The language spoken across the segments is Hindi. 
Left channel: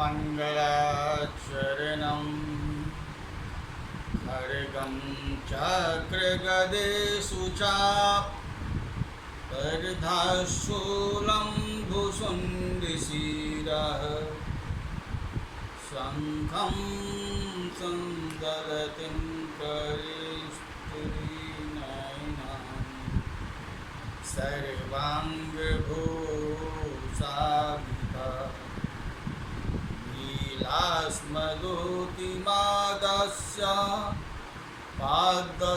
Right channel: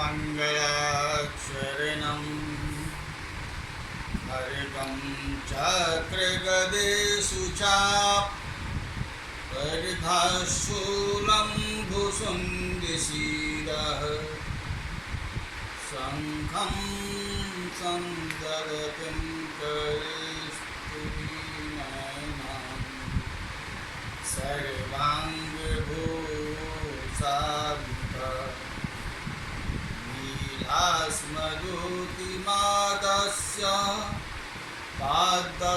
मंगलाचरणं खड्गं चक्रगदेषु चापरिधशूलं भुसुण्डिशिरः शङ्खं सन्दरतिं करिस्तुलिनयनं सर्वाङ्गभूषाभितः नीलास्मदुतिमादस्य पादशस्कामसेवे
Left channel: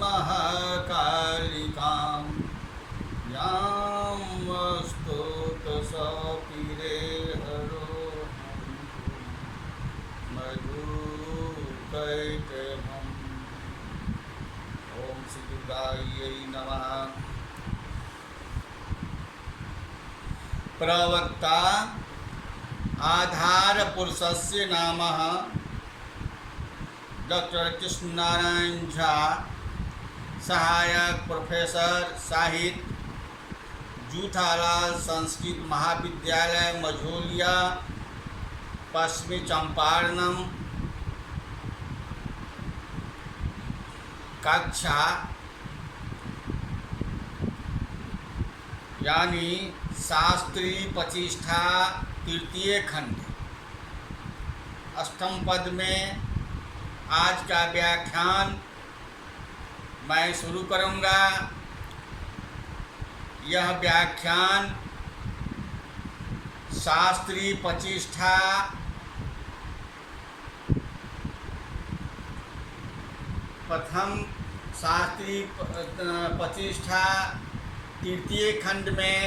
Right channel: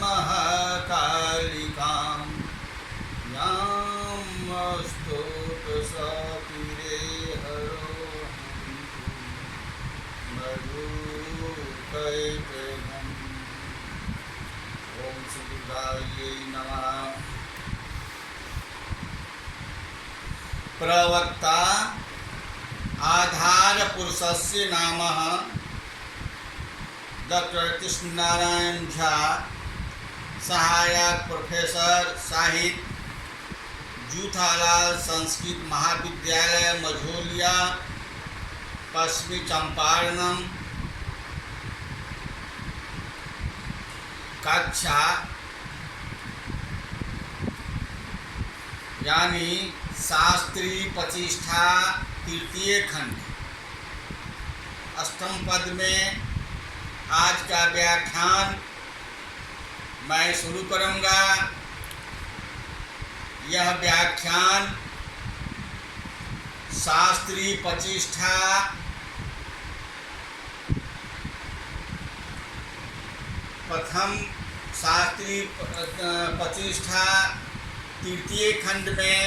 महाकालिकां यां स्तोत्रसपीरे हरोहन्तु मधुकैटभम्। ओम श्री दुर्गायै नमः। प्रवक्ता आधार पुरुषस्य नामः डॉक्टर कृष्ण नारायण झा, सहायक प्रोफेसर साहित्य, जूथालाल संस्कृत महाविद्यालय मझौलिया, पश्चिमी चंपारणम, कक्षा यानी शास्त्री प्रतिष्ठा तृतीय खंड अष्टम पद में आज का व्याख्यान मैं शुरू करूँगा। यह व्याख्यान शास्त्री प्रतिष्ठा प्रथम शास्त्री प्रतिष्ठा तृतीय खंड में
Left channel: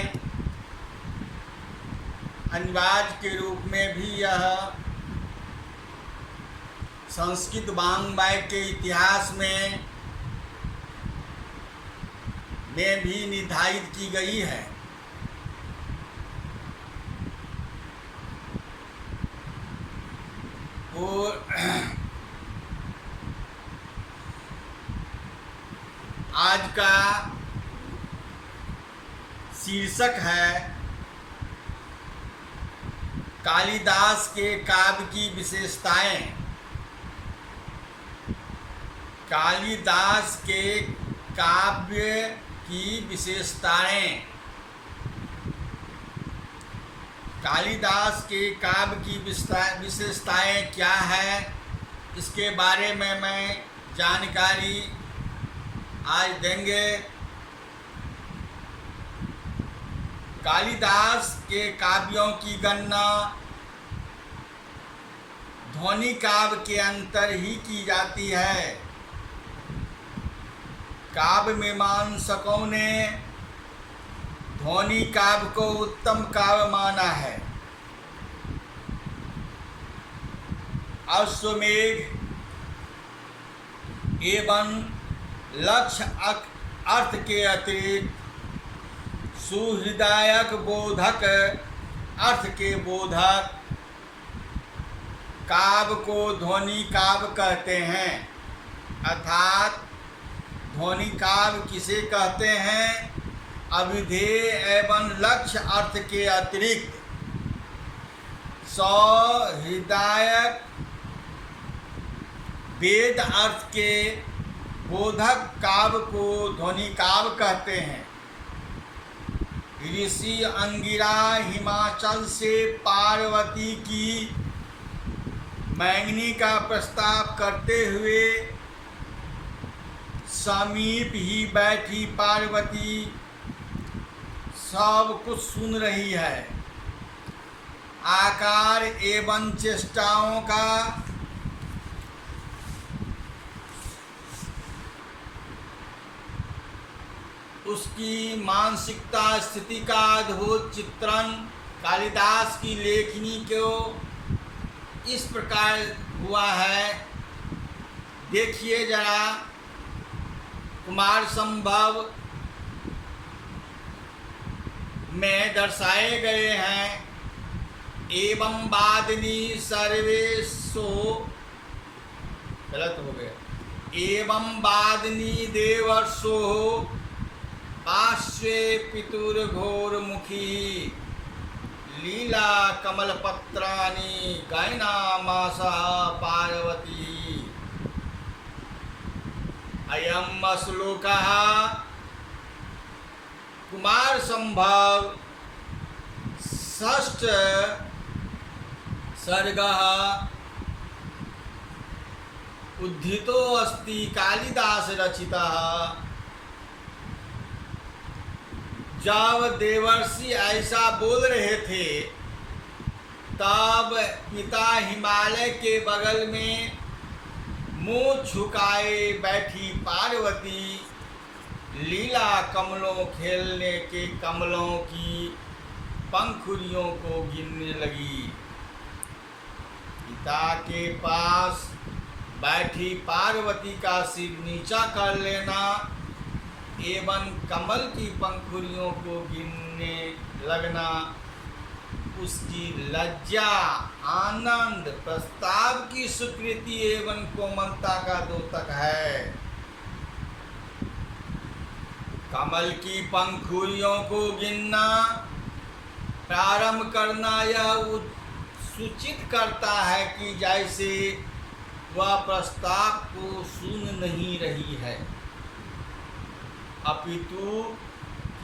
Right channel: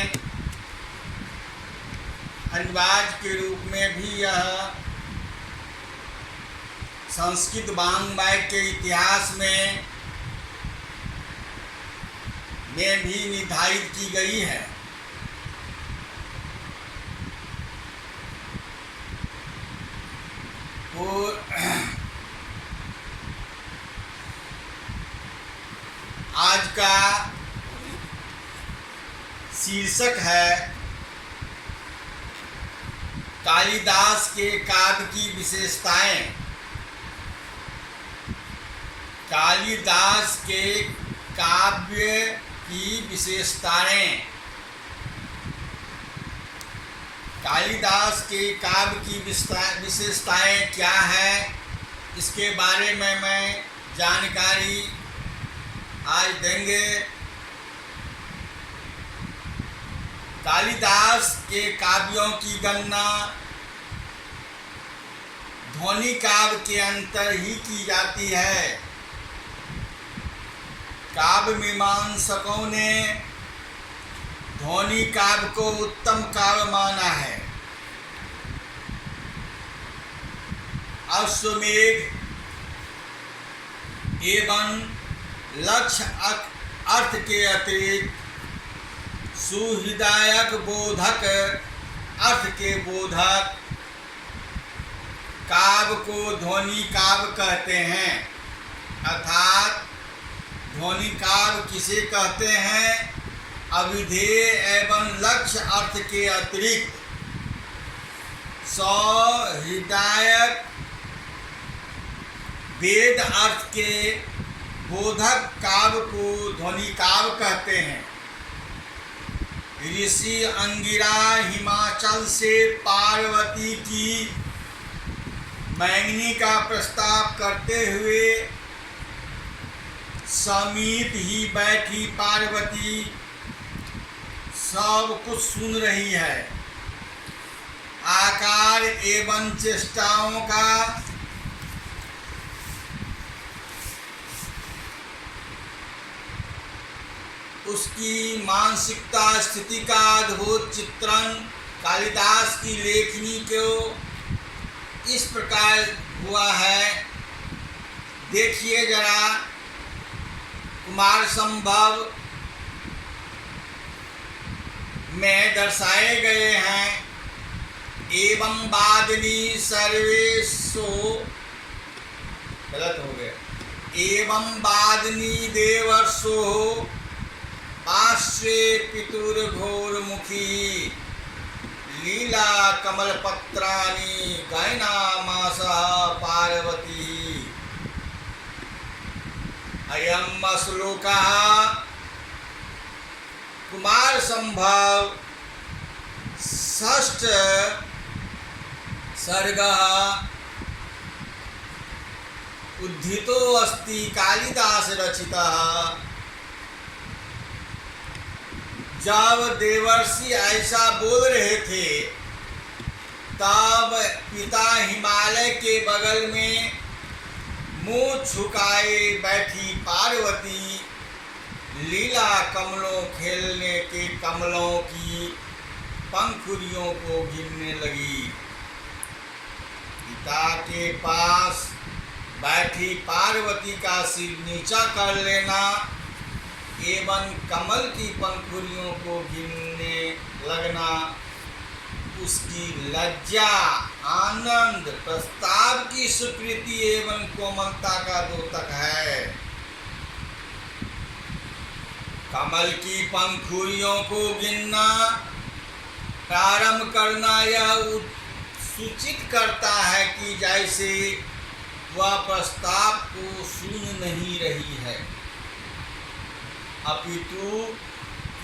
अनिवार्य के रूप में भी यह संस्कृत वाङ्मय के इतिहास में भी निर्धारित की गई है। और आज का शीर्षक है कालिदास के काव्य की विशेषताएं। कालिदास के काव्य की विशेषताएं। कालिदास के काव्य की विशेषताएं क्या है, इसके बारे में मैं जानकारी आज देंगे। कालिदास के काव्यों की गणना ध्वनि काव्य के अंतर ही की जाती है। काव्य मीमांसकों ने ध्वनि काव्य को उत्तम काव्य माना है। अश्वमेध एवं लक्ष्य अर्थ के अतिरिक्त सुहृदायक बोधक अर्थ के बोधक काव्य को ध्वनि काव्य कहते हैं। अर्थात ध्वनि काव्य किसे कहते हैं? अविधेय एवं लक्ष्य अर्थ के अतिरिक्त सहृदायक वेद अर्थ के बोधक काव्य को ध्वनि काव्य कहते हैं। ऋषि अंगिरा हिमाचल से पार्वती की मैंगनी का प्रस्ताव करते हुए समीप ही बैठी पार्वती सब कुछ सुन रही है। आकार एवं चेष्टाओं का उसकी मानसिकता स्थिति का अद्भुत चित्रण कालिदास की लेखनी को इस प्रकार हुआ है। देखिए जरा, कुमार संभव में दर्शाए गए हैं। एवं वादिनी सर्वेशो, गलत हो गया, एवं वादिनी देवर्षो पार्श्वे पितुर्घोरमुखी लीला कमलपत्राणि गायनामासा पार्वती। अयम श्लोकः कुमार संभव षष्ठ सर्गः उद्धितो अस्ति कालिदास रचितः। जब देवर्षि ऐसा बोल रहे थे तब पिता हिमालय के बगल में मुंह झुकाए बैठी पार्वती लीला कमलों खेलने के कमलों की पंखुड़ियों को गिनने लगी। पिता के पास बैठी पार्वती का सिर नीचा कर लेना एवं कमल की पंखुड़ियों को गिनने लगना उसकी लज्जा, आनंद, प्रस्ताव की स्वीकृति एवं कोमलता का द्योतक है। कमल की पंखुड़ियों को गिनना प्रारंभ करना यह सूचित करता है कि जैसे वह प्रस्ताव को सुन नहीं रही है अपितु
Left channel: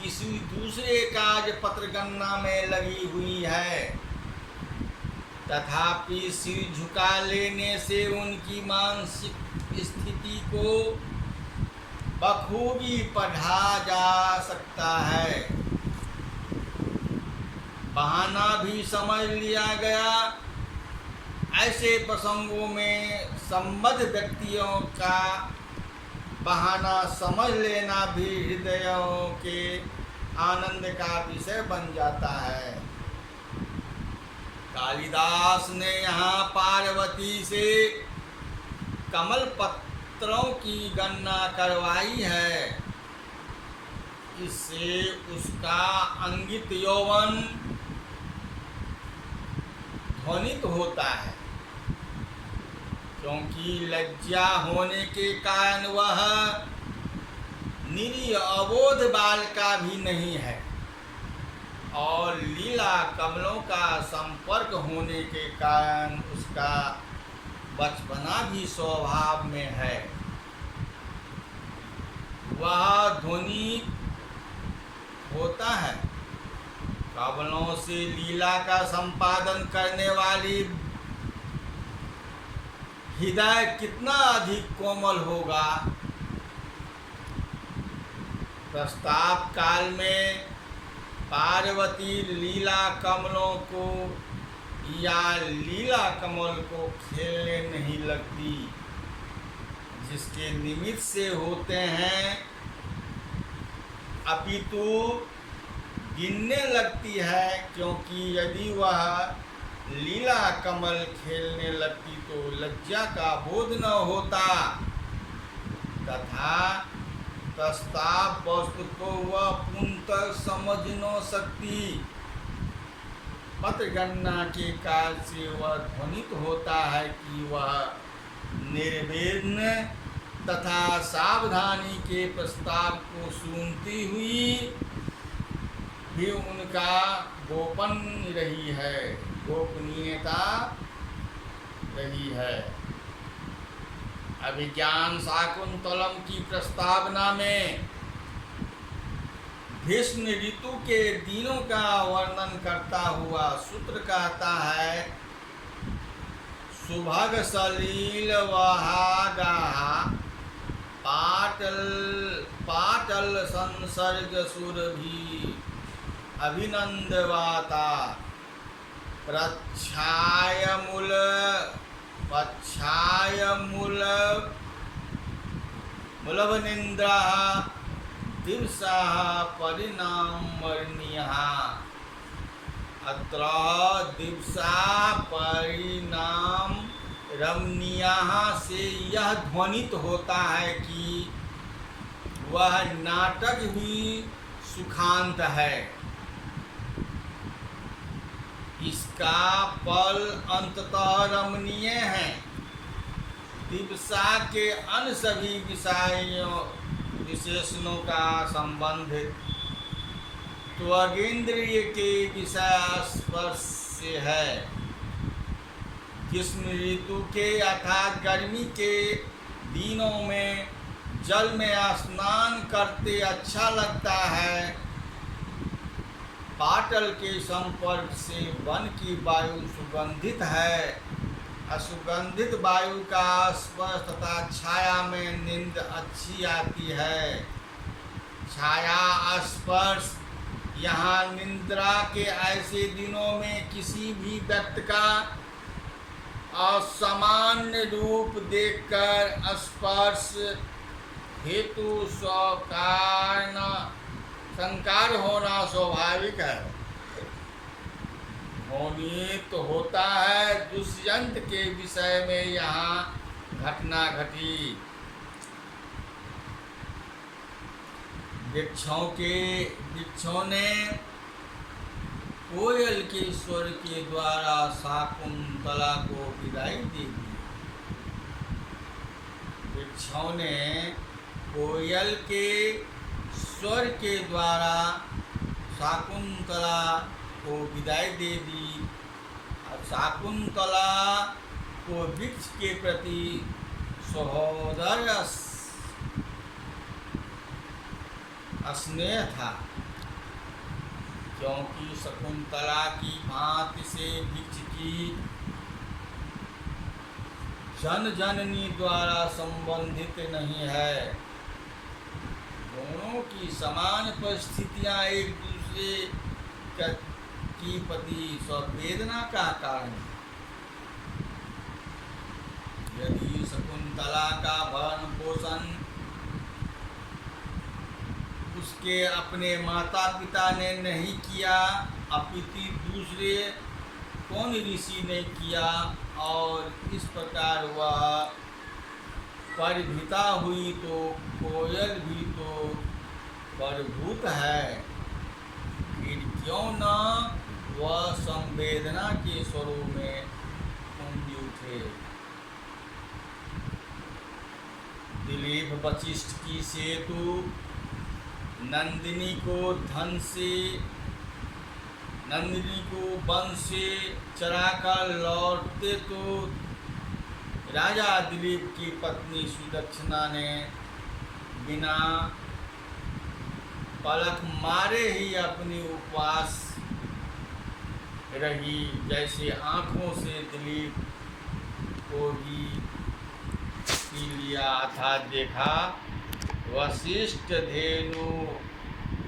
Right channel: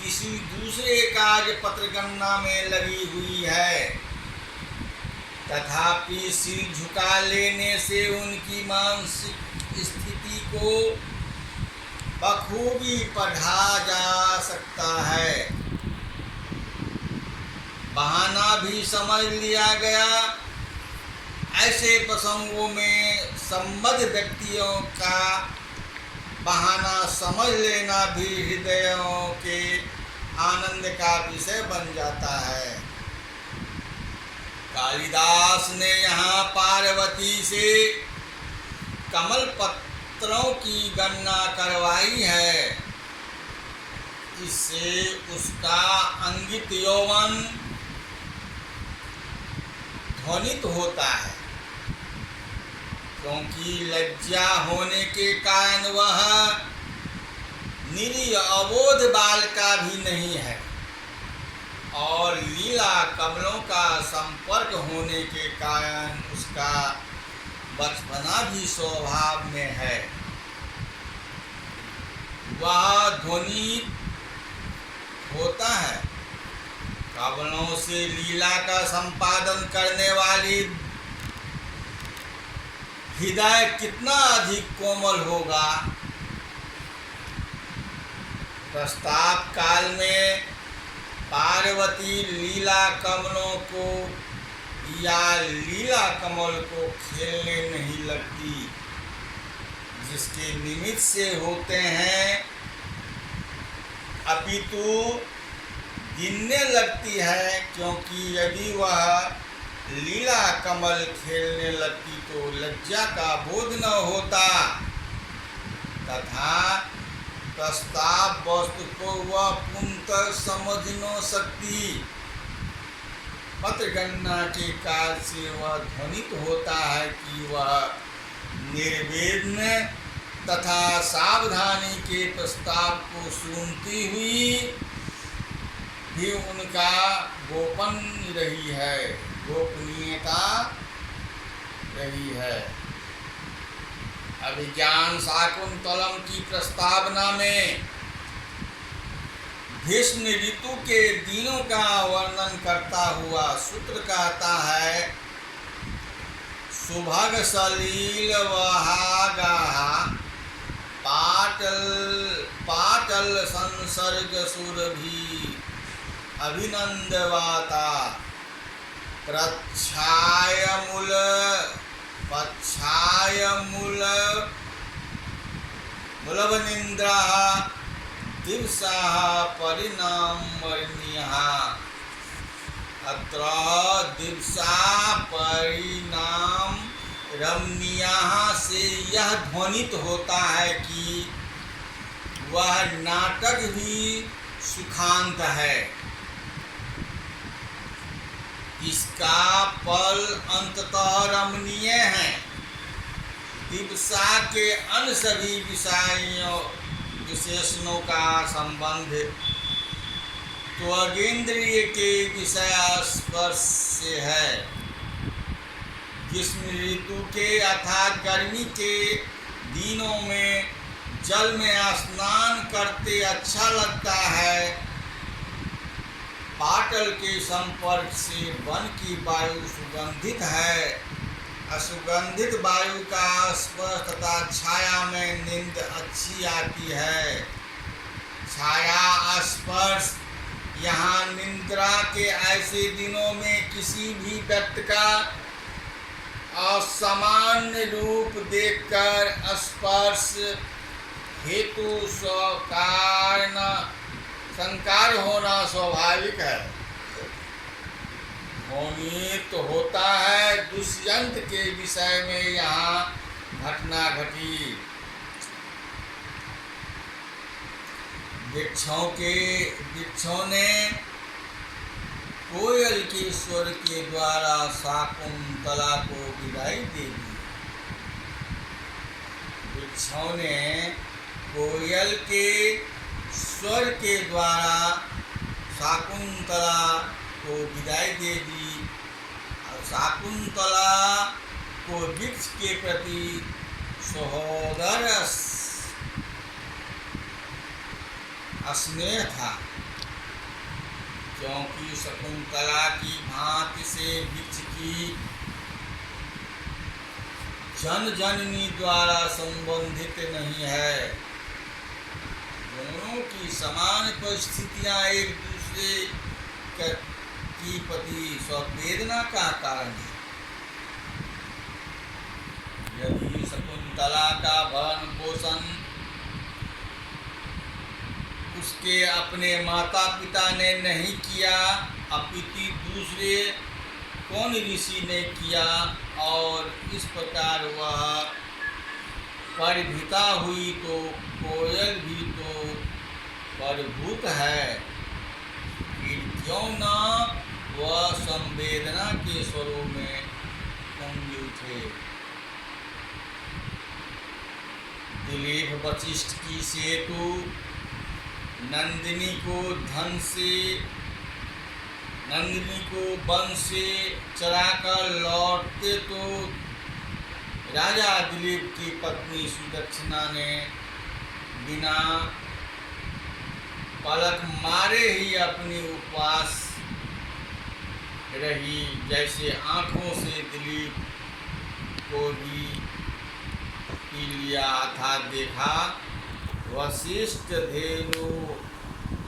किसी दूसरे कार्य पत्रगणना में लगी हुई है। तथापि सिर झुका लेने से उनकी मानसिक स्थिति को बखूबी पढ़ा जा सकता है। बहाना भी समझ लिया गया। ऐसे प्रसंगों में संबद्ध व्यक्तियों का बहाना समझ लेना भी हृदयों के आनंद का विषय बन जाता है। कालिदास ने यहाँ पार्वती से कमल पत्रों की गणना करवाई है। इससे उसका अंगित यौवन ध्वनित होता है, क्योंकि लज्जा होने के कारण वह निरीह अबोध बालिका भी नहीं है और लीला कमलों का संपर्क होने के कारण उसका बचपना भी स्वभाव में है। वह ध्वनित होता है। कमलों से लीला का संपादन करने वाली हृदय कितना अधिक कोमल होगा। प्रस्ताव काल में पार्वती लीला कमलों को या लीला कमल को खेलने नहीं लगती, जिसके निमित्त से होते हैं, अपितु गिनने लगती है, क्योंकि यदि वह लीला कमल खेलने लगती तो लज्जा का बोध न होता तथा प्रस्ताव वस्तु को वह पूर्णतः समझ न सकती। पत्रगणना के काल से वह ध्वनित होता है कि वह निर्विघ्न तथा सावधानी के प्रस्ताव को सुनती हुई भी उनका गोपन रही है, गोपनीयता रही है। अभिज्ञान शाकुंतलम की प्रस्तावना में भीष्म ऋतु के दिनों का वर्णन करता हुआ सूत्र कहता है, सुभग सलील वहागाहा पाटल संसर्ग सुरभि अभिनंदवाता प्रच्छाय मूलवनिंद्रा दिवसा परिणामर्णियः। अत्र दिवसा परिणाम रमणीयः से यह ध्वनित होता है कि वह नाटक भी सुखांत है। इसका फल अंततः रमणीय है। दिवसा के अन्य सभी विशेषणों का संबंध त्वगिंद्रिय के विषय स्पर्श से है। ग्रीष्म ऋतु के अर्थात गर्मी के दिनों में जल में स्नान करते अच्छा लगता है। पाटल के संपर्क से वन की वायु सुगंधित है। असुगंधित वायु का स्पर्श तथा छाया में नींद अच्छी आती है। छाया स्पर्श यहाँ निद्रा के ऐसे दिनों में किसी भी व्यक्ति का असामान्य रूप देखकर स्पर्श हेतु स्वकारण संकार होना स्वाभाविक है। मोहित होता है दुष्यंत के विषय में यहाँ घटना घटी। वृक्षों ने कोयल के स्वर के द्वारा शाकुंतला को विदाई दे दी। वृक्षों ने कोयल के स्वर के द्वारा शाकुंतला को विदाई दे दी और शाकुंतला को वृक्ष के प्रति सहोदर स्नेह था, क्योंकि शकुंतला की भांति से वृक्ष की जननी द्वारा संबंधित नहीं है। दोनों की समान परिस्थितियां एक दूसरे की प्रति संवेदना का कारण है। यदि शकुंतला का भरण पोषण उसके अपने माता पिता ने नहीं किया, अपितु दूसरे कौन ऋषि ने किया, और इस प्रकार वह परिभृता हुई, तो कोयल भी तो परिभूत है। फिर क्यों न वह संवेदना के स्वरों में कुंज उठे। दिलीप वशिष्ठ की सेतु नंदिनी को वन से चराकर लौटते तो राजा दिलीप की पत्नी सुदक्षिणा ने बिना पलक मारे ही अपनी उपवास रही, जैसे आँखों से दिलीप को भी पी लिया था। देखा वशिष्ठ धेनु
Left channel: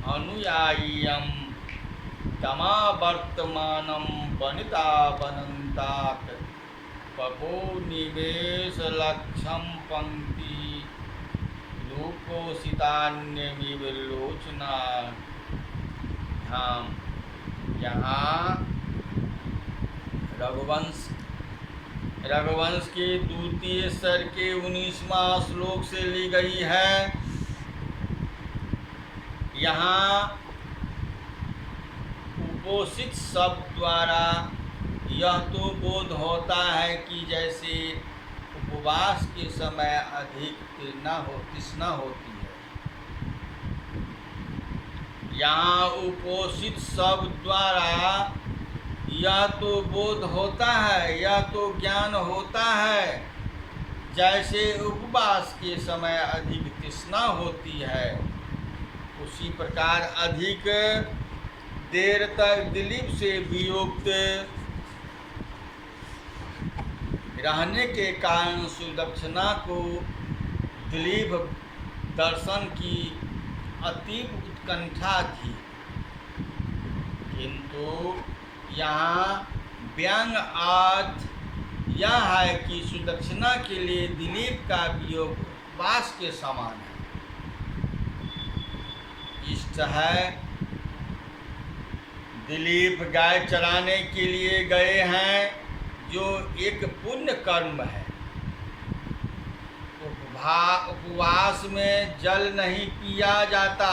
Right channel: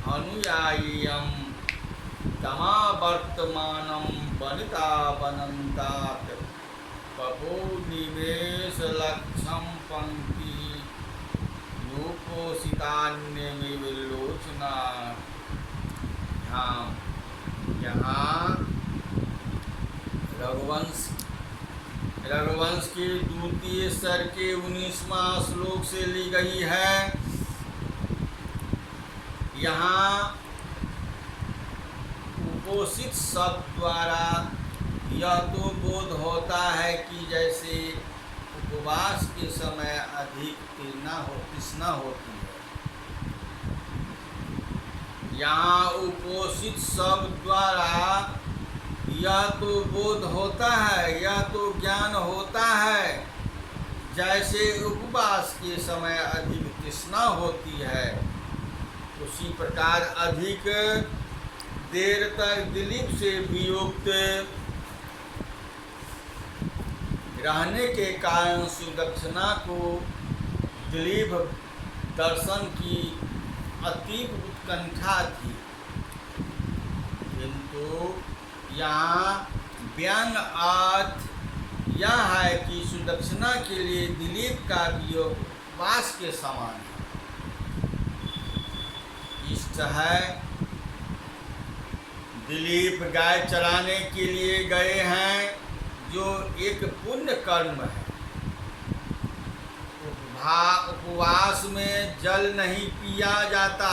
अनुयायीयं तमा वर्तमानं वनिता वनन्तात पपो निवेश लक्षम पंक्ति रूपोषितान्यमिव लोचना। यहाँ रघुवंश के द्वितीय स्तर के 19वां श्लोक से ली गई है। यहाँ उपोषित शब्द द्वारा यह तो बोध होता है कि जैसे उपवास के समय अधिक तृष्णा होती है। यहाँ उपोषित शब्द द्वारा यह तो बोध होता है, यह तो ज्ञान होता है, जैसे उपवास के समय अधिक तृष्णा होती है। उसी प्रकार अधिक देर तक दिलीप से वियुक्त रहने के कारण सुदक्षिणा को दिलीप दर्शन की अतीव उत्कंठा थी, किंतु यहाँ व्यंग अर्थ यह है कि सुदक्षिणा के लिए दिलीप का वियोग उपवास के समान है। इष्ट है दिलीप गाय चराने के लिए गए हैं, जो एक पुण्य कर्म है। उपवास में जल नहीं पिया जाता,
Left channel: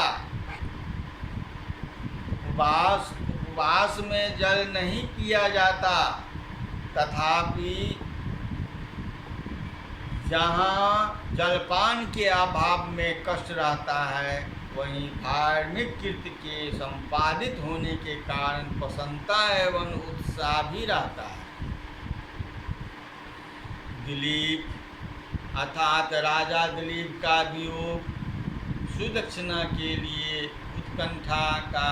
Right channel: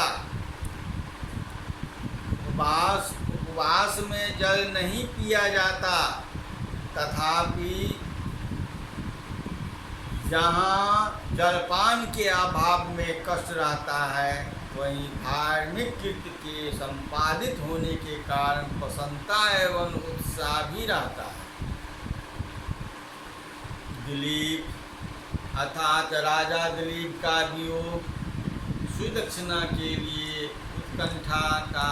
उपवास में जल नहीं पिया जाता, तथापि जहाँ जलपान के अभाव में कष्ट रहता है, वहीं धार्मिक कृत्य के संपादित होने के कारण प्रसन्नता एवं उत्साह भी रहता है। दिलीप अर्थात राजा दिलीप का वियोग सुदक्षिणा के लिए उत्कंठा का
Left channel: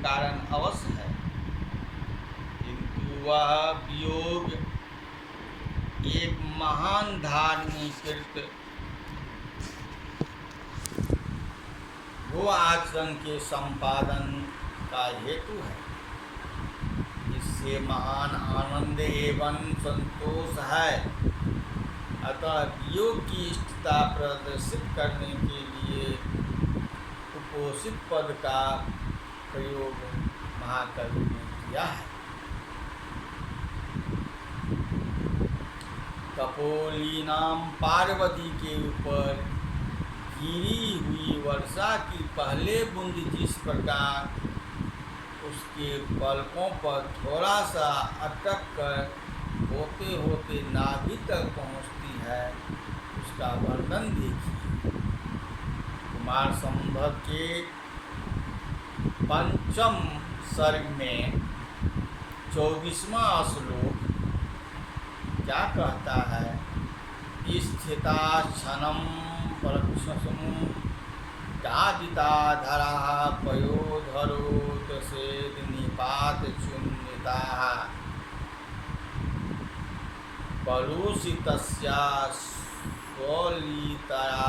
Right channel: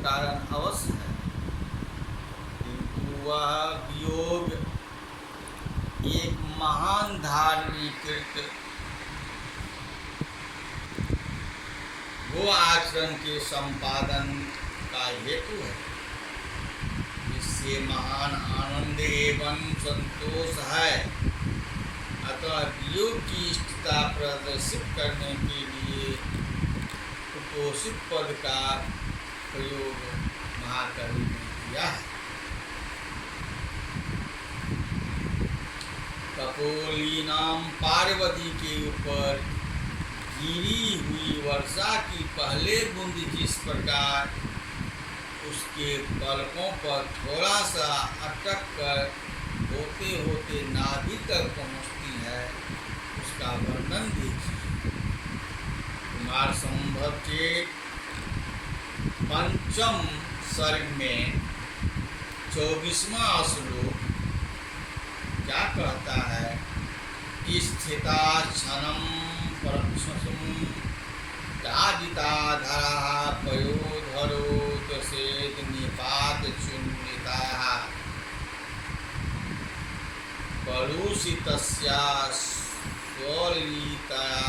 कारण अवश्य है, किंतु वह वियोग एक महान धार्मिक वो आचरण के संपादन का हेतु है। इससे महान आनंद एवं संतोष है। अतः वियोग की इष्टता प्रदर्शित करने के लिए उपोषित पद का प्रयोग महाकवि ने किया है। कपोलीनाम पार्वती के ऊपर गिरी हुई वर्षा की पहले बूंद जिस प्रकार उसके पलकों पर थोड़ा सा अटक कर होते होते नाभि तक पहुँचती है, उसका वर्णन देखिए। कुमार संभव के 5म सर्ग में 24वां श्लोक क्या कहता है? स्थिता क्षणम परक्षसम दादिताधरा पयोधरोत सेद निपात चुन्निता कलुषितस्या स्वलितया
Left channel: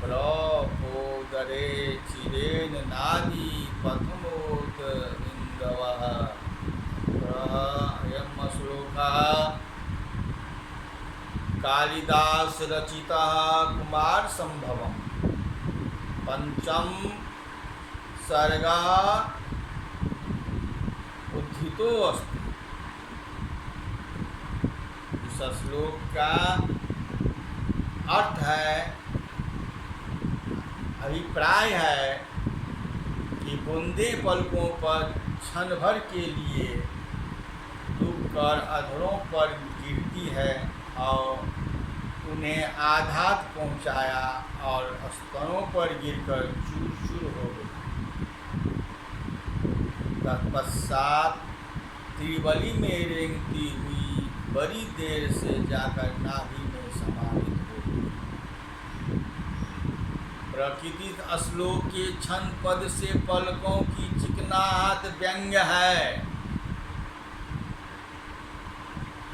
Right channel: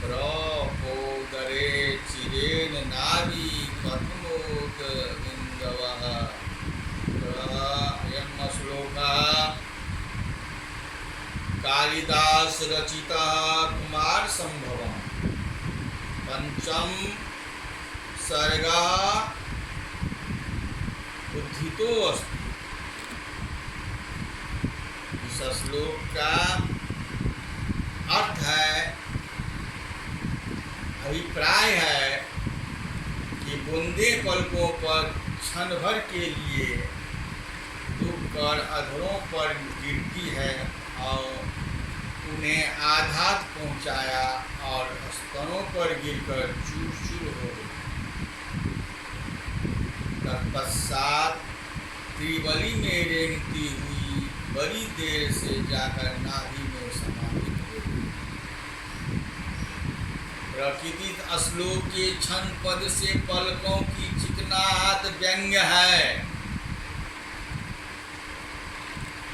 प्रपोदरे चिरेण नाभि कथमोद बिन्दवः। अयं श्लोकः कालिदास रचिता कुमार संभवम 5म सर्गा उद्धितो अस्ति। इस श्लोक का अर्थ है, अभिप्राय है कि बूंदे पलकों पर क्षण भर के लिए डूबकर अधरों पर गिरती है और उन्हें आघात पहुंचाया और स्तनों पर गिरकर चूर चूर हो गई। तत्पश्चात त्रिवली में रेंगती हुई बड़ी देर से जाकर नाभि में समाहित हो गई। प्रकृति श्लोक के क्षण पद से पलकों की चिकनाहट व्यंग्य है।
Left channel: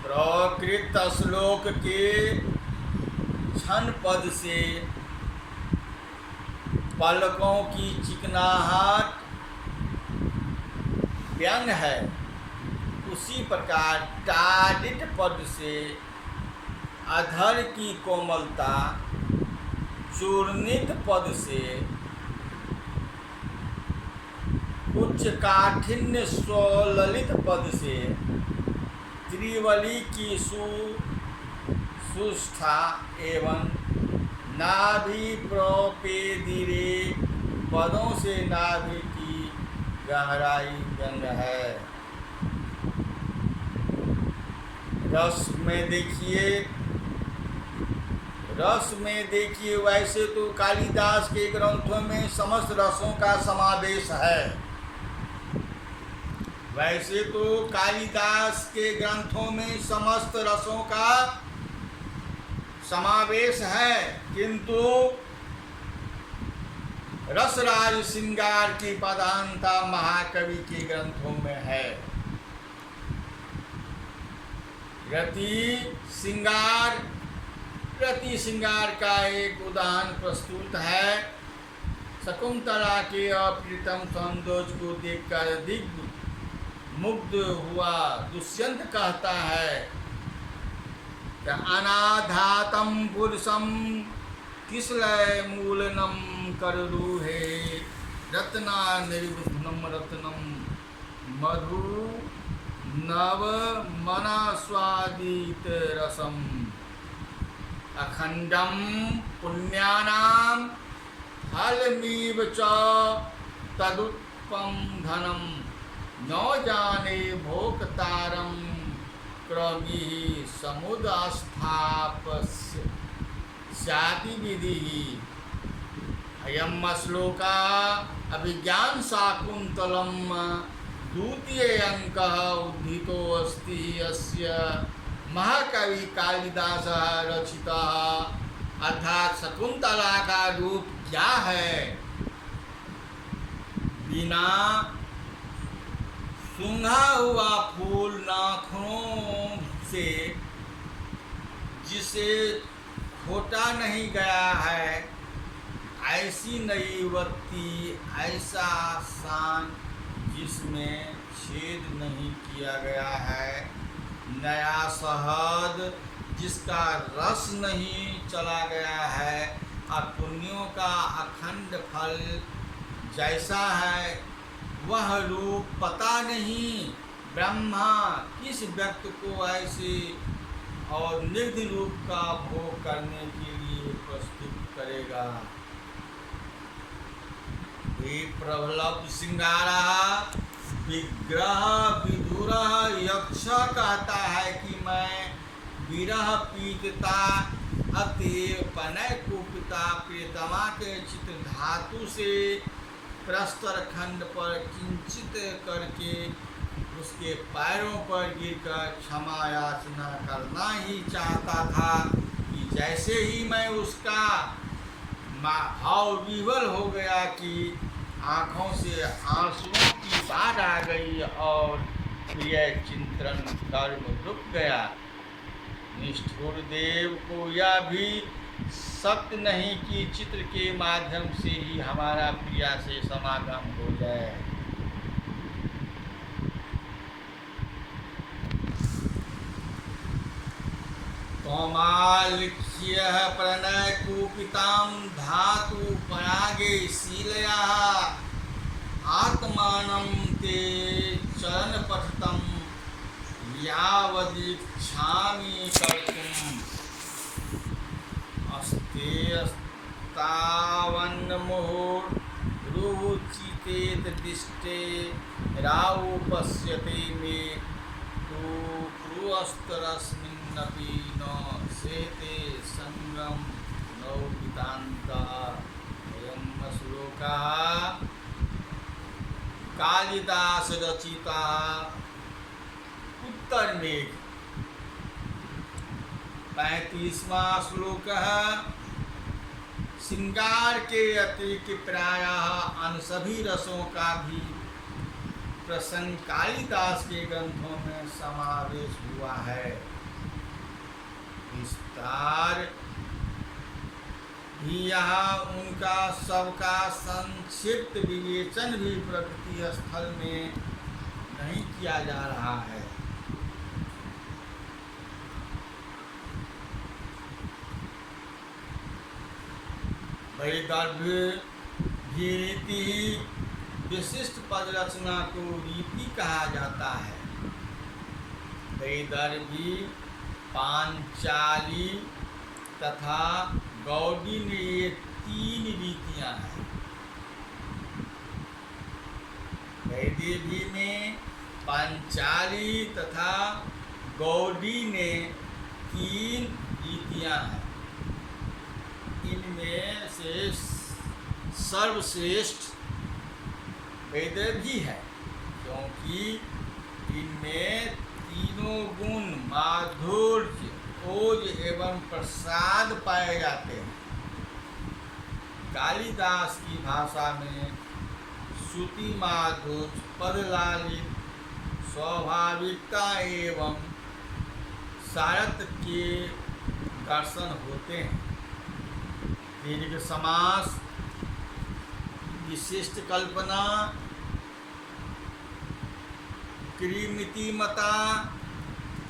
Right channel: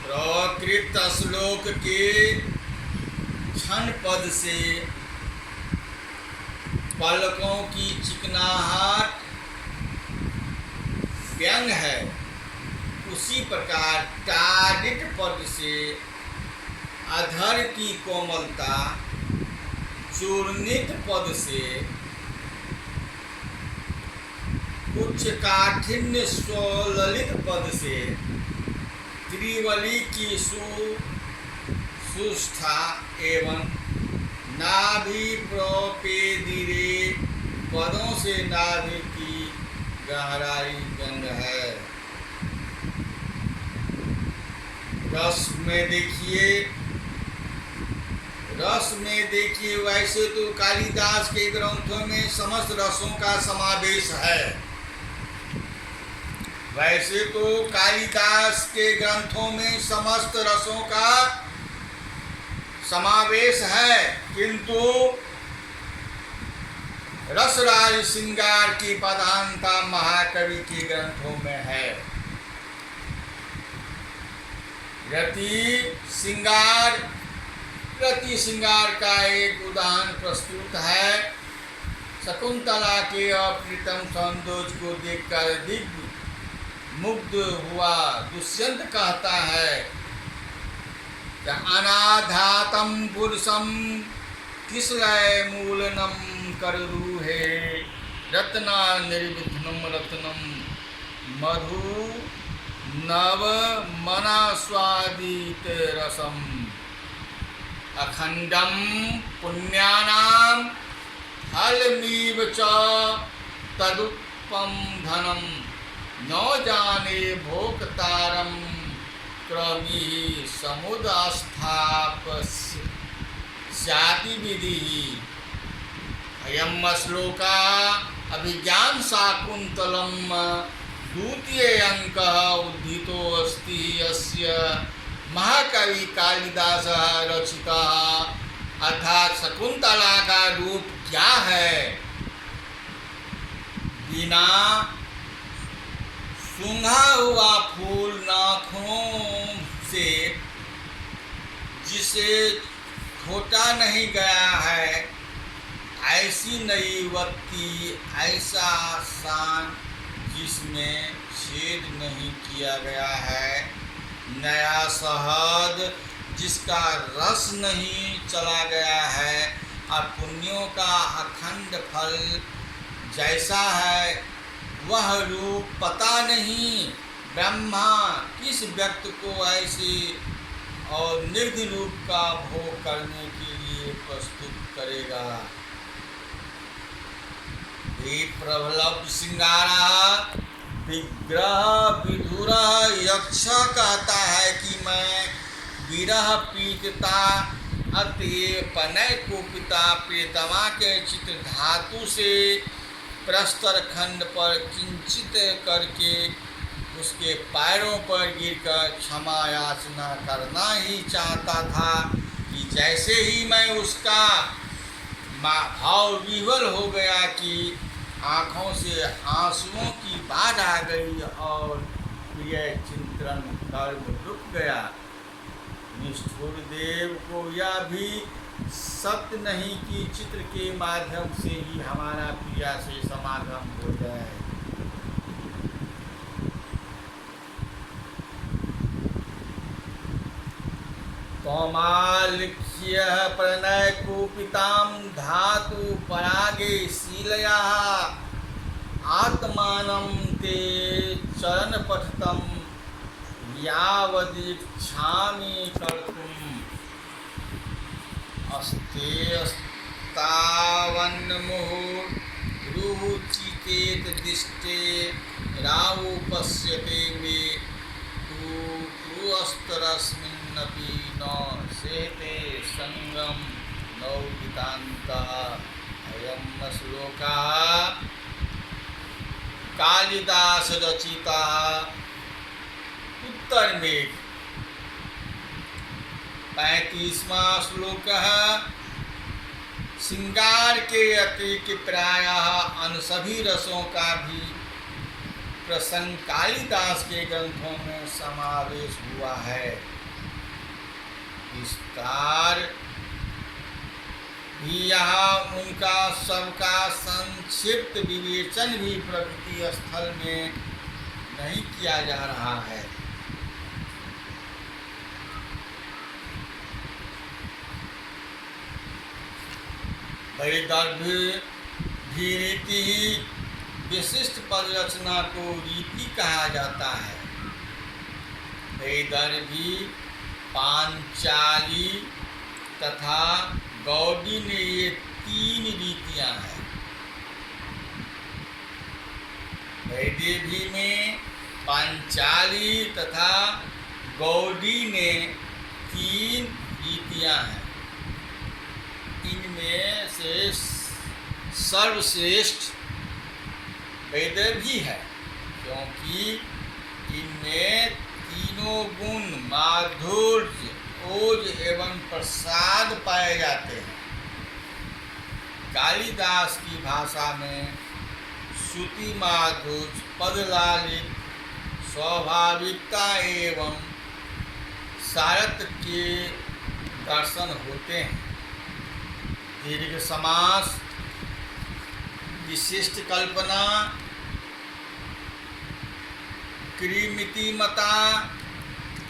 प्रकृत श्लोक के क्षण पद से पलकों की चिकनाहट व्यंग है। उसी प्रकार टाडित पद से अधर की कोमलता, चूर्णित पद से उच्च काठिन्य, स्वललित पद से त्रिवली की सुष्ठा एवं नाभि प्रोपेदिरे पदों से नाभि की गहराई व्यंग है। रस में देखिए वैसे तो कालिदास के ग्रंथों में समस्त रसों का समावेश है। वैसे तो कालिदास के ग्रंथों में समस्त रसों का समावेश है, किंतु रसराज श्रृंगार की प्रधानता महाकवि के ग्रंथों में है। रति श्रृंगार का एक उदाहरण प्रस्तुत है। शकुंतला के अप्रीतम सौंदर्य को देखकर दिग्ध मुग्ध हुआ दुष्यंत कहता है कि अनाधातम पुरुषम किसलय मूलनम कररूहे रत्ना निर्विघ्नम रत्नम मधु नव मना स्वादित रसम अखंडम पुण्यानाम फलमीव च तदुत्पम धनम न जाने भोक्तारम क्रमी समुदास्थापस्याति विधि। अयम श्लोका अभिज्ञान शाकुंतलम द्वितीय अंक उद्धितो अस्ति। अस्य महाकवि कालिदास रचिता अर्थात शकुंतला का रूप क्या है? बिना सूंघा हुआ फूल नाखूनों से जिसे खोटा नहीं गया है, ऐसी नई युवती, ऐसा शान जिसमें छेद नहीं किया गया है, नया शहद जिसका रस नहीं चला गया है, और पुण्यों का अखंड फल जैसा है, वह रूप पता नहीं ब्रह्मा किस व्यक्ति को ऐसे और निर्धि रूप का भोग करने के लिए प्रस्तुत करेगा। प्रबलभ श्रृंगारा विग्रह विधुर यक्ष कहता है कि मैं विरह पीड़िता अतएव पनय कुपिता प्रियतमा के चित्र धातु से प्रस्तर खंड पर किंचित करके उसके पैरों पर गिरकर क्षमा याचना करना ही चाहता था कि जैसे ही मैं उसका भाव विह्वल हो गया कि आँखों से आंसुओं की बाढ़ आ गई और प्रिय चिंतन कर्म रुक गया। निष्ठुर देव को यह भी सत्य नहीं कि चित्र के माध्यम से ही हमारा प्रिया से समागम हो जाए। कौमालिक्य प्रणय कुपितां धातु परागे शीलया आत्मानं ते चरण पठितं यावदीक्षामि कर्तुम् अस्तेस्तावन्मुहुरुचितेत दिष्टे रावो पश्यते मे तु पुरस्तरस्मिन्नपि न सेते संगम नौदितान्तः। अयं श्लोकः कालिदास रचिता उत्तर मेघ 35वां श्लोक है। श्रृंगार के अतिरिक्त प्रायः अन्य सभी रसों का भी प्रसंग कालिदास के ग्रंथों में समावेश हुआ है। विस्तार भी यहाँ उनका सबका संक्षिप्त विवेचन भी प्रकृति स्थल में नहीं किया जा रहा है। वैदर्भी रीति ही विशिष्ट पद रचना को रीति कहा जाता है। वैदर्भी, पांचाली तथा गौड़ी ने ये 3 रीतियां हैं। वैदेभी में पांचाली तथा गौड़ी ने 3 रीतियां हैं। इनमें से सर्वश्रेष्ठ वैदर्भी है, क्योंकि इनमें तीनों गुण माधुर्य, ओज एवं प्रसाद पाए जाते हैं। कालिदास की भाषा में श्रुति माधुर्य, पदलालित, स्वाभाविकता एवं सारथ के दर्शन होते हैं। दीर्घ समास, विशिष्ट कल्पना, कृमितिमता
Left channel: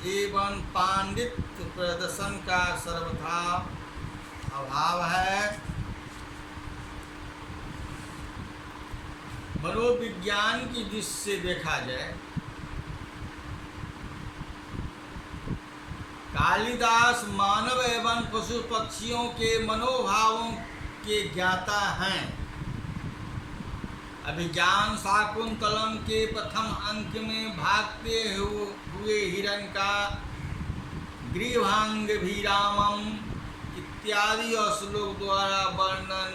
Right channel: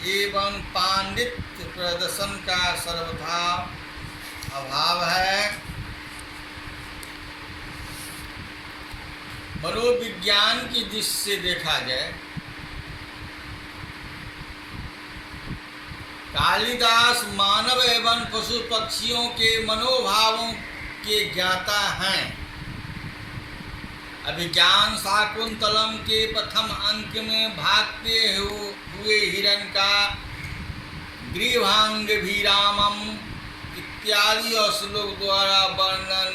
एवं पांडित्य प्रदर्शन का सर्वथा अभाव है। मनोविज्ञान की दृष्टि से देखा जाए, कालिदास मानव एवं पशु पक्षियों के मनोभावों के ज्ञाता हैं। अभिज्ञान शाकुंतलम के प्रथम अंक में भागते हुए हिरण का गृहांगभिरामम इत्यादि और श्लोक द्वारा वर्णन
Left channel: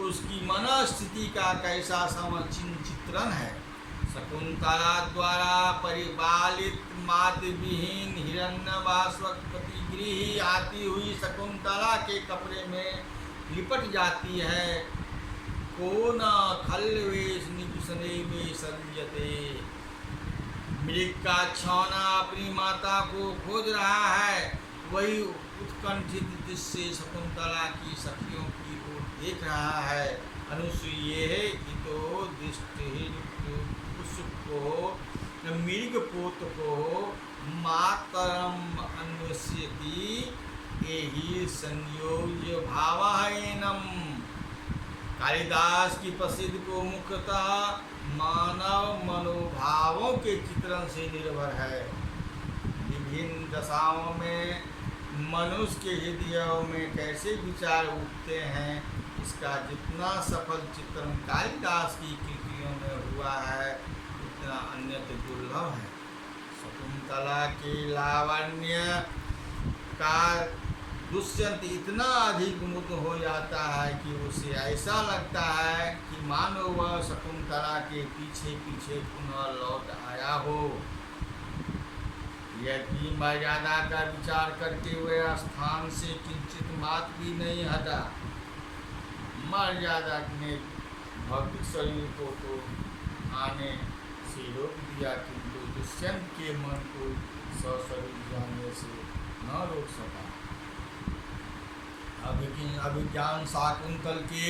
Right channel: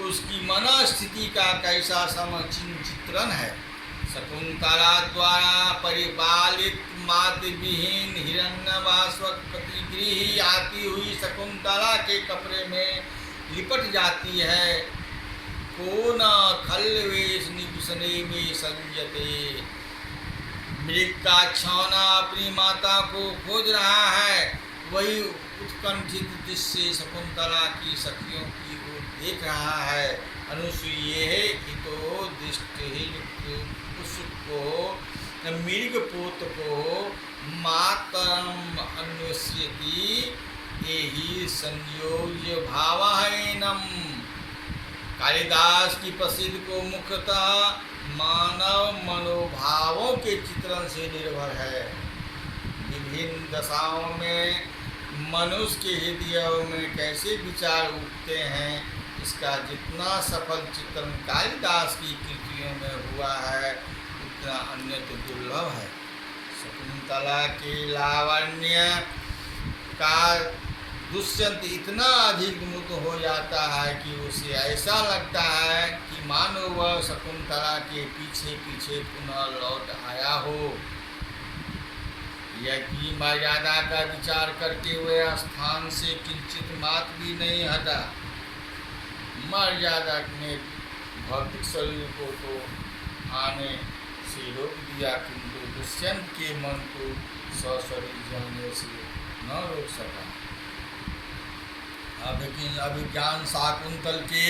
उसकी मनस्थिति का कैसा चित्रण है। शकुंतला द्वारा परिपालित मातृ विहीन हिरण्यवासवक प्रतिगृही आती हुई शकुंतला के कपड़े में लिपट जाती है। को न खल्वेश निपसने में संजते, मृग का छौना अपनी माता को खोज रहा है, वही उत्कंठित दृश्य शकुंतला की सखियों की ओर देख रहा है। अनुसूये हितो दृष्टि को मृग पोत को मातरम अन्वेष्यति एहि संयोज्य भावहीनम। कालिदास की प्रसिद्ध को मुख्यतः मानव मनोभावों के चित्रण से निर्भर है। विभिन्न दशाओं में मनुष्य के हृदयों में कैसे विचार उठते हैं, इसका जितना सफल चित्रण कालिदास की कृतियों में हुआ है उतना अन्यत्र दुर्लभ है। शकुंतला के लावण्य का दुष्यंत इतना अधिक मुग्ध हो जाता है कि उसे ऐसा लगता है कि मानो वह शकुंतला के पीछे पीछे पुनः लौट आया हो। यह कि मर्यादा का विचार करके वह स्थान से किंचित मात्र भी नहीं हटा। मर्यादा ने भौतिक शरीर को तो आने से रोक दिया, किंतु दुष्यंत के मन को सशरीर जाने से न रोक सका। अभिज्ञान शाकुंतल के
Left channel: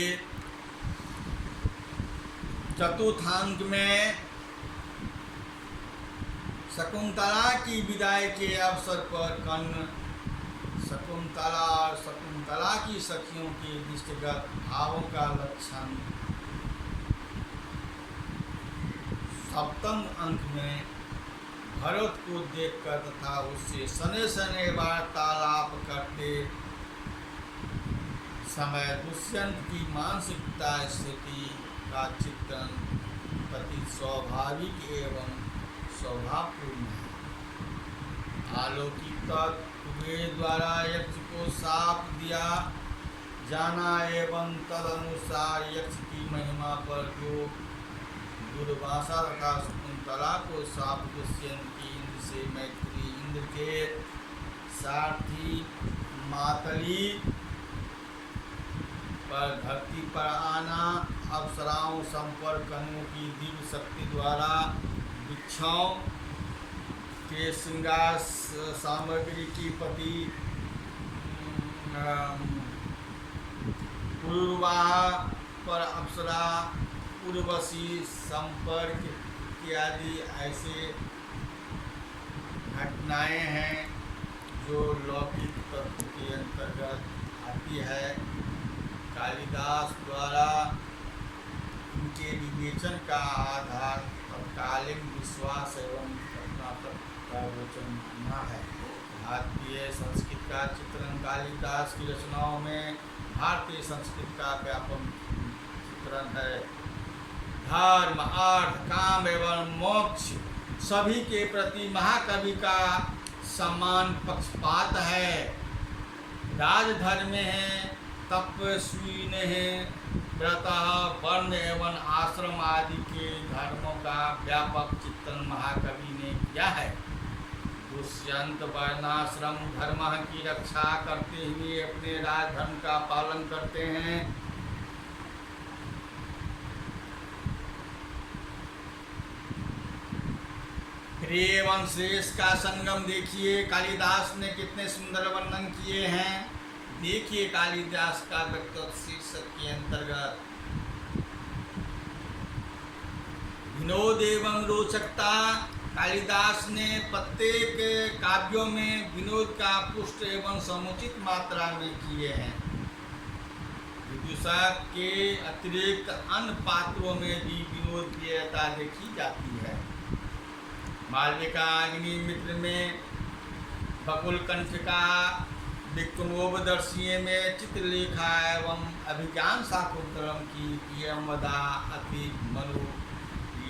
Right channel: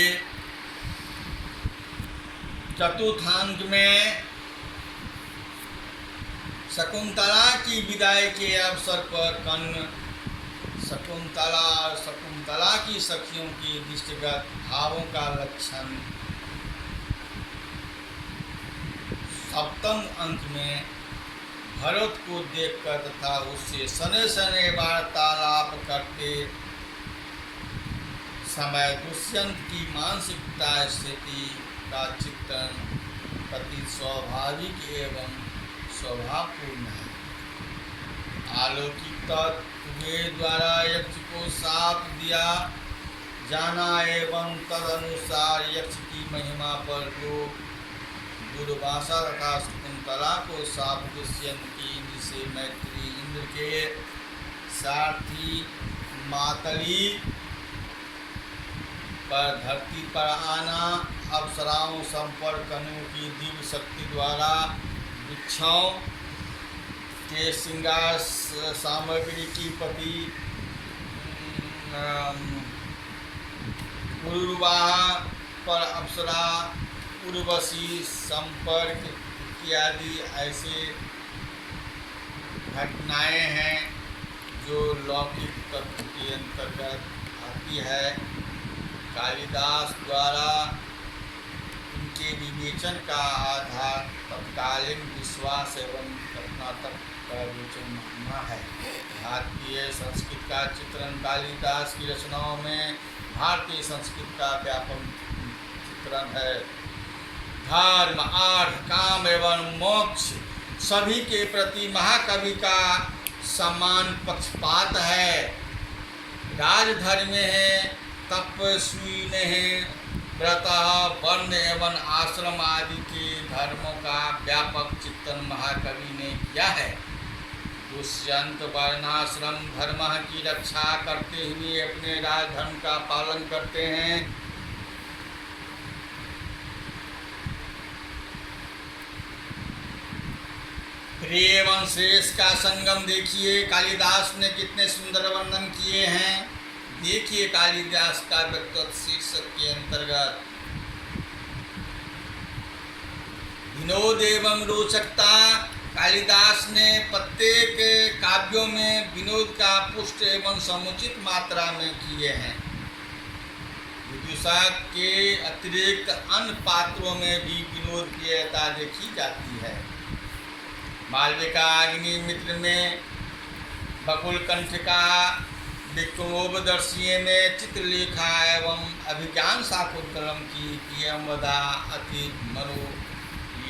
चतुर्थांक में शकुंतला की विदाई के अवसर पर कर्ण शकुंतला और शकुंतला की सखियों के दृष्टिगत भावों का लक्षण सप्तम अंक में भरत को देखकर तथा उससे सने सने वार्तालाप करते समय दुष्यंत की मानसिकता स्थिति का चित्रण अति स्वाभाविक एवं स्वभावपूर्ण है। अलौकिक तत्व द्वारा यक्ष को शाप दिया जाना एवं तदनुसार यक्ष की महिमा पर लोग दुर्वासा तथा शकुंतला को शाप दुष्यंत की इंद्र से मैत्री इंद्र के सारथी मातली पर धरती पर आना, अप्सराओं संपर्क अनु की दिव्य शक्ति द्वारा वृक्षों के श्रृंगार सामग्री की पति पुरुर्वाहा पर अप्सरा उर्वशी संपर्क इत्यादि ऐसे घटनाएं हैं जो लौकिक तत्व के अंतर्गत आती है। कालिदास द्वारा उनके विवेचन का आधार तत्कालीन विश्वास एवं घटनात्मक प्रवचन मानना है। भारतीय संस्कृत का चित्रण कालिदास की रचनाओं में भारतीय संस्कृत का व्यापक चित्रण है। धर्म, अर्थ, काम एवं मोक्ष सभी के प्रति महाकवि का समान पक्षपात है। राजधर्म है, तपस्वी है, व्रतः, वर्ण एवं आश्रम आदि के धर्मों का व्यापक चित्रण महाकवि ने किया है। दुष्यंत वर्णाश्रम धर्म की रक्षा करते हुए अपने राजधर्म का पालन करते हैं। प्रिय एवं श्रेष्ठ का संगम देखिए, कालिदास ने कितने सुंदर वर्णन किए हैं। देखिए कालिदास का व्यक्तित्व शीर्षक के अंतर्गत विनोद एवं रोचकता। कालिदास ने प्रत्येक काव्यों में विनोद का पुष्ट एवं समुचित मात्रा में किए हैं। विदुषा के अतिरिक्त अन्य पात्रों में भी विनोद प्रियता देखी जाती है। मालविका अग्निमित्र में बकुल कंठ का, विक्रमोपदर्शीय में चित्रलेखा एवं अभिज्ञान शाकुंतलम की प्रियमदा अति मनो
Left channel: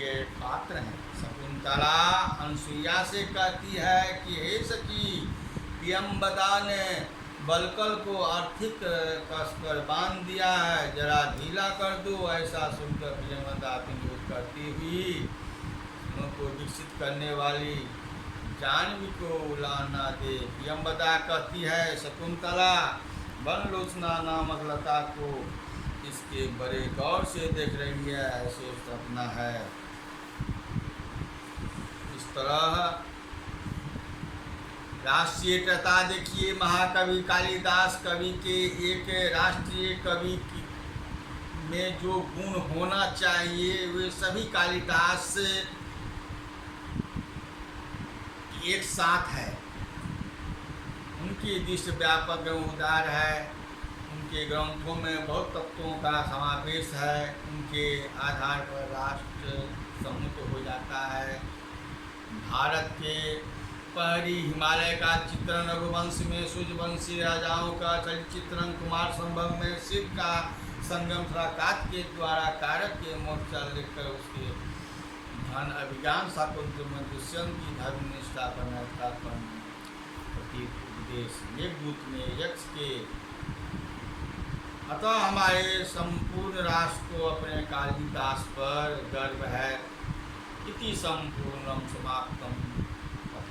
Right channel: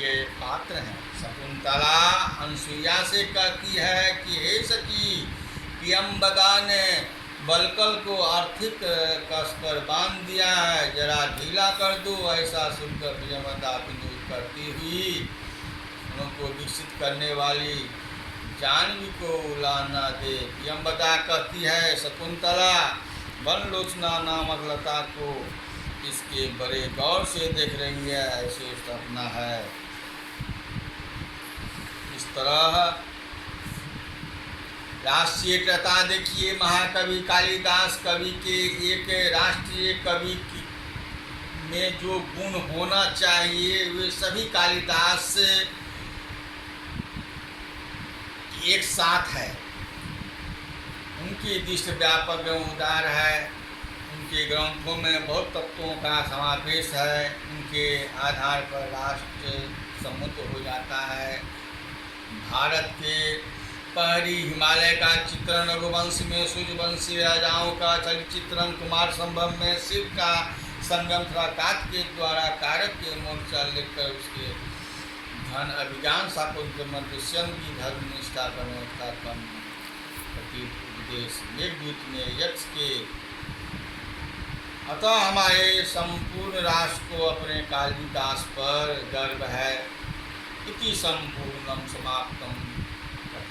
ये पात्र हैं। शकुंतला अनसुईया से कहती है कि हे सखी, प्रियंवदा ने बलकल को आर्थिक कस पर बांध दिया है, जरा ढीला कर दो। ऐसा सुनकर प्रियंवदा विनोद करती हुई उनको विकसित करने वाली जाह्नवी को उलाहना दे। प्रियंवदा कहती है, शकुंतला वनलोचना नामक लता को इसके बड़े गौर से देख रही है, ऐसे सपना है। इस तरह राष्ट्रीयता देखिए, महाकवि कालिदास कवि के एक राष्ट्रीय कवि में जो गुण होना चाहिए वे सभी कालिदास एक साथ है। उनकी दृष्टि व्यापक एवं उदार है, उनके ग्रंथों में बहुत तत्वों का समावेश है, उनके आधार पर राष्ट्र सम्मुत हो जाता है। भारत के पहरी हिमालय का चित्रण रघुवंश में, सूर्यवंशी राजाओं का चलचित्रण कुमार संभव में, शिव का संगम थराकात के द्वारा कारक के मोर्चा लेकर उसके धन अभिज्ञान शाकुंतल दुष्यंत की धर्मनिष्ठा का प्रति उपदेश मेघदूत में यक्ष के। अतः हमारे संपूर्ण राष्ट्र को अपने कालिदास पर गर्व है। इति संपूर्णम समाप्तम।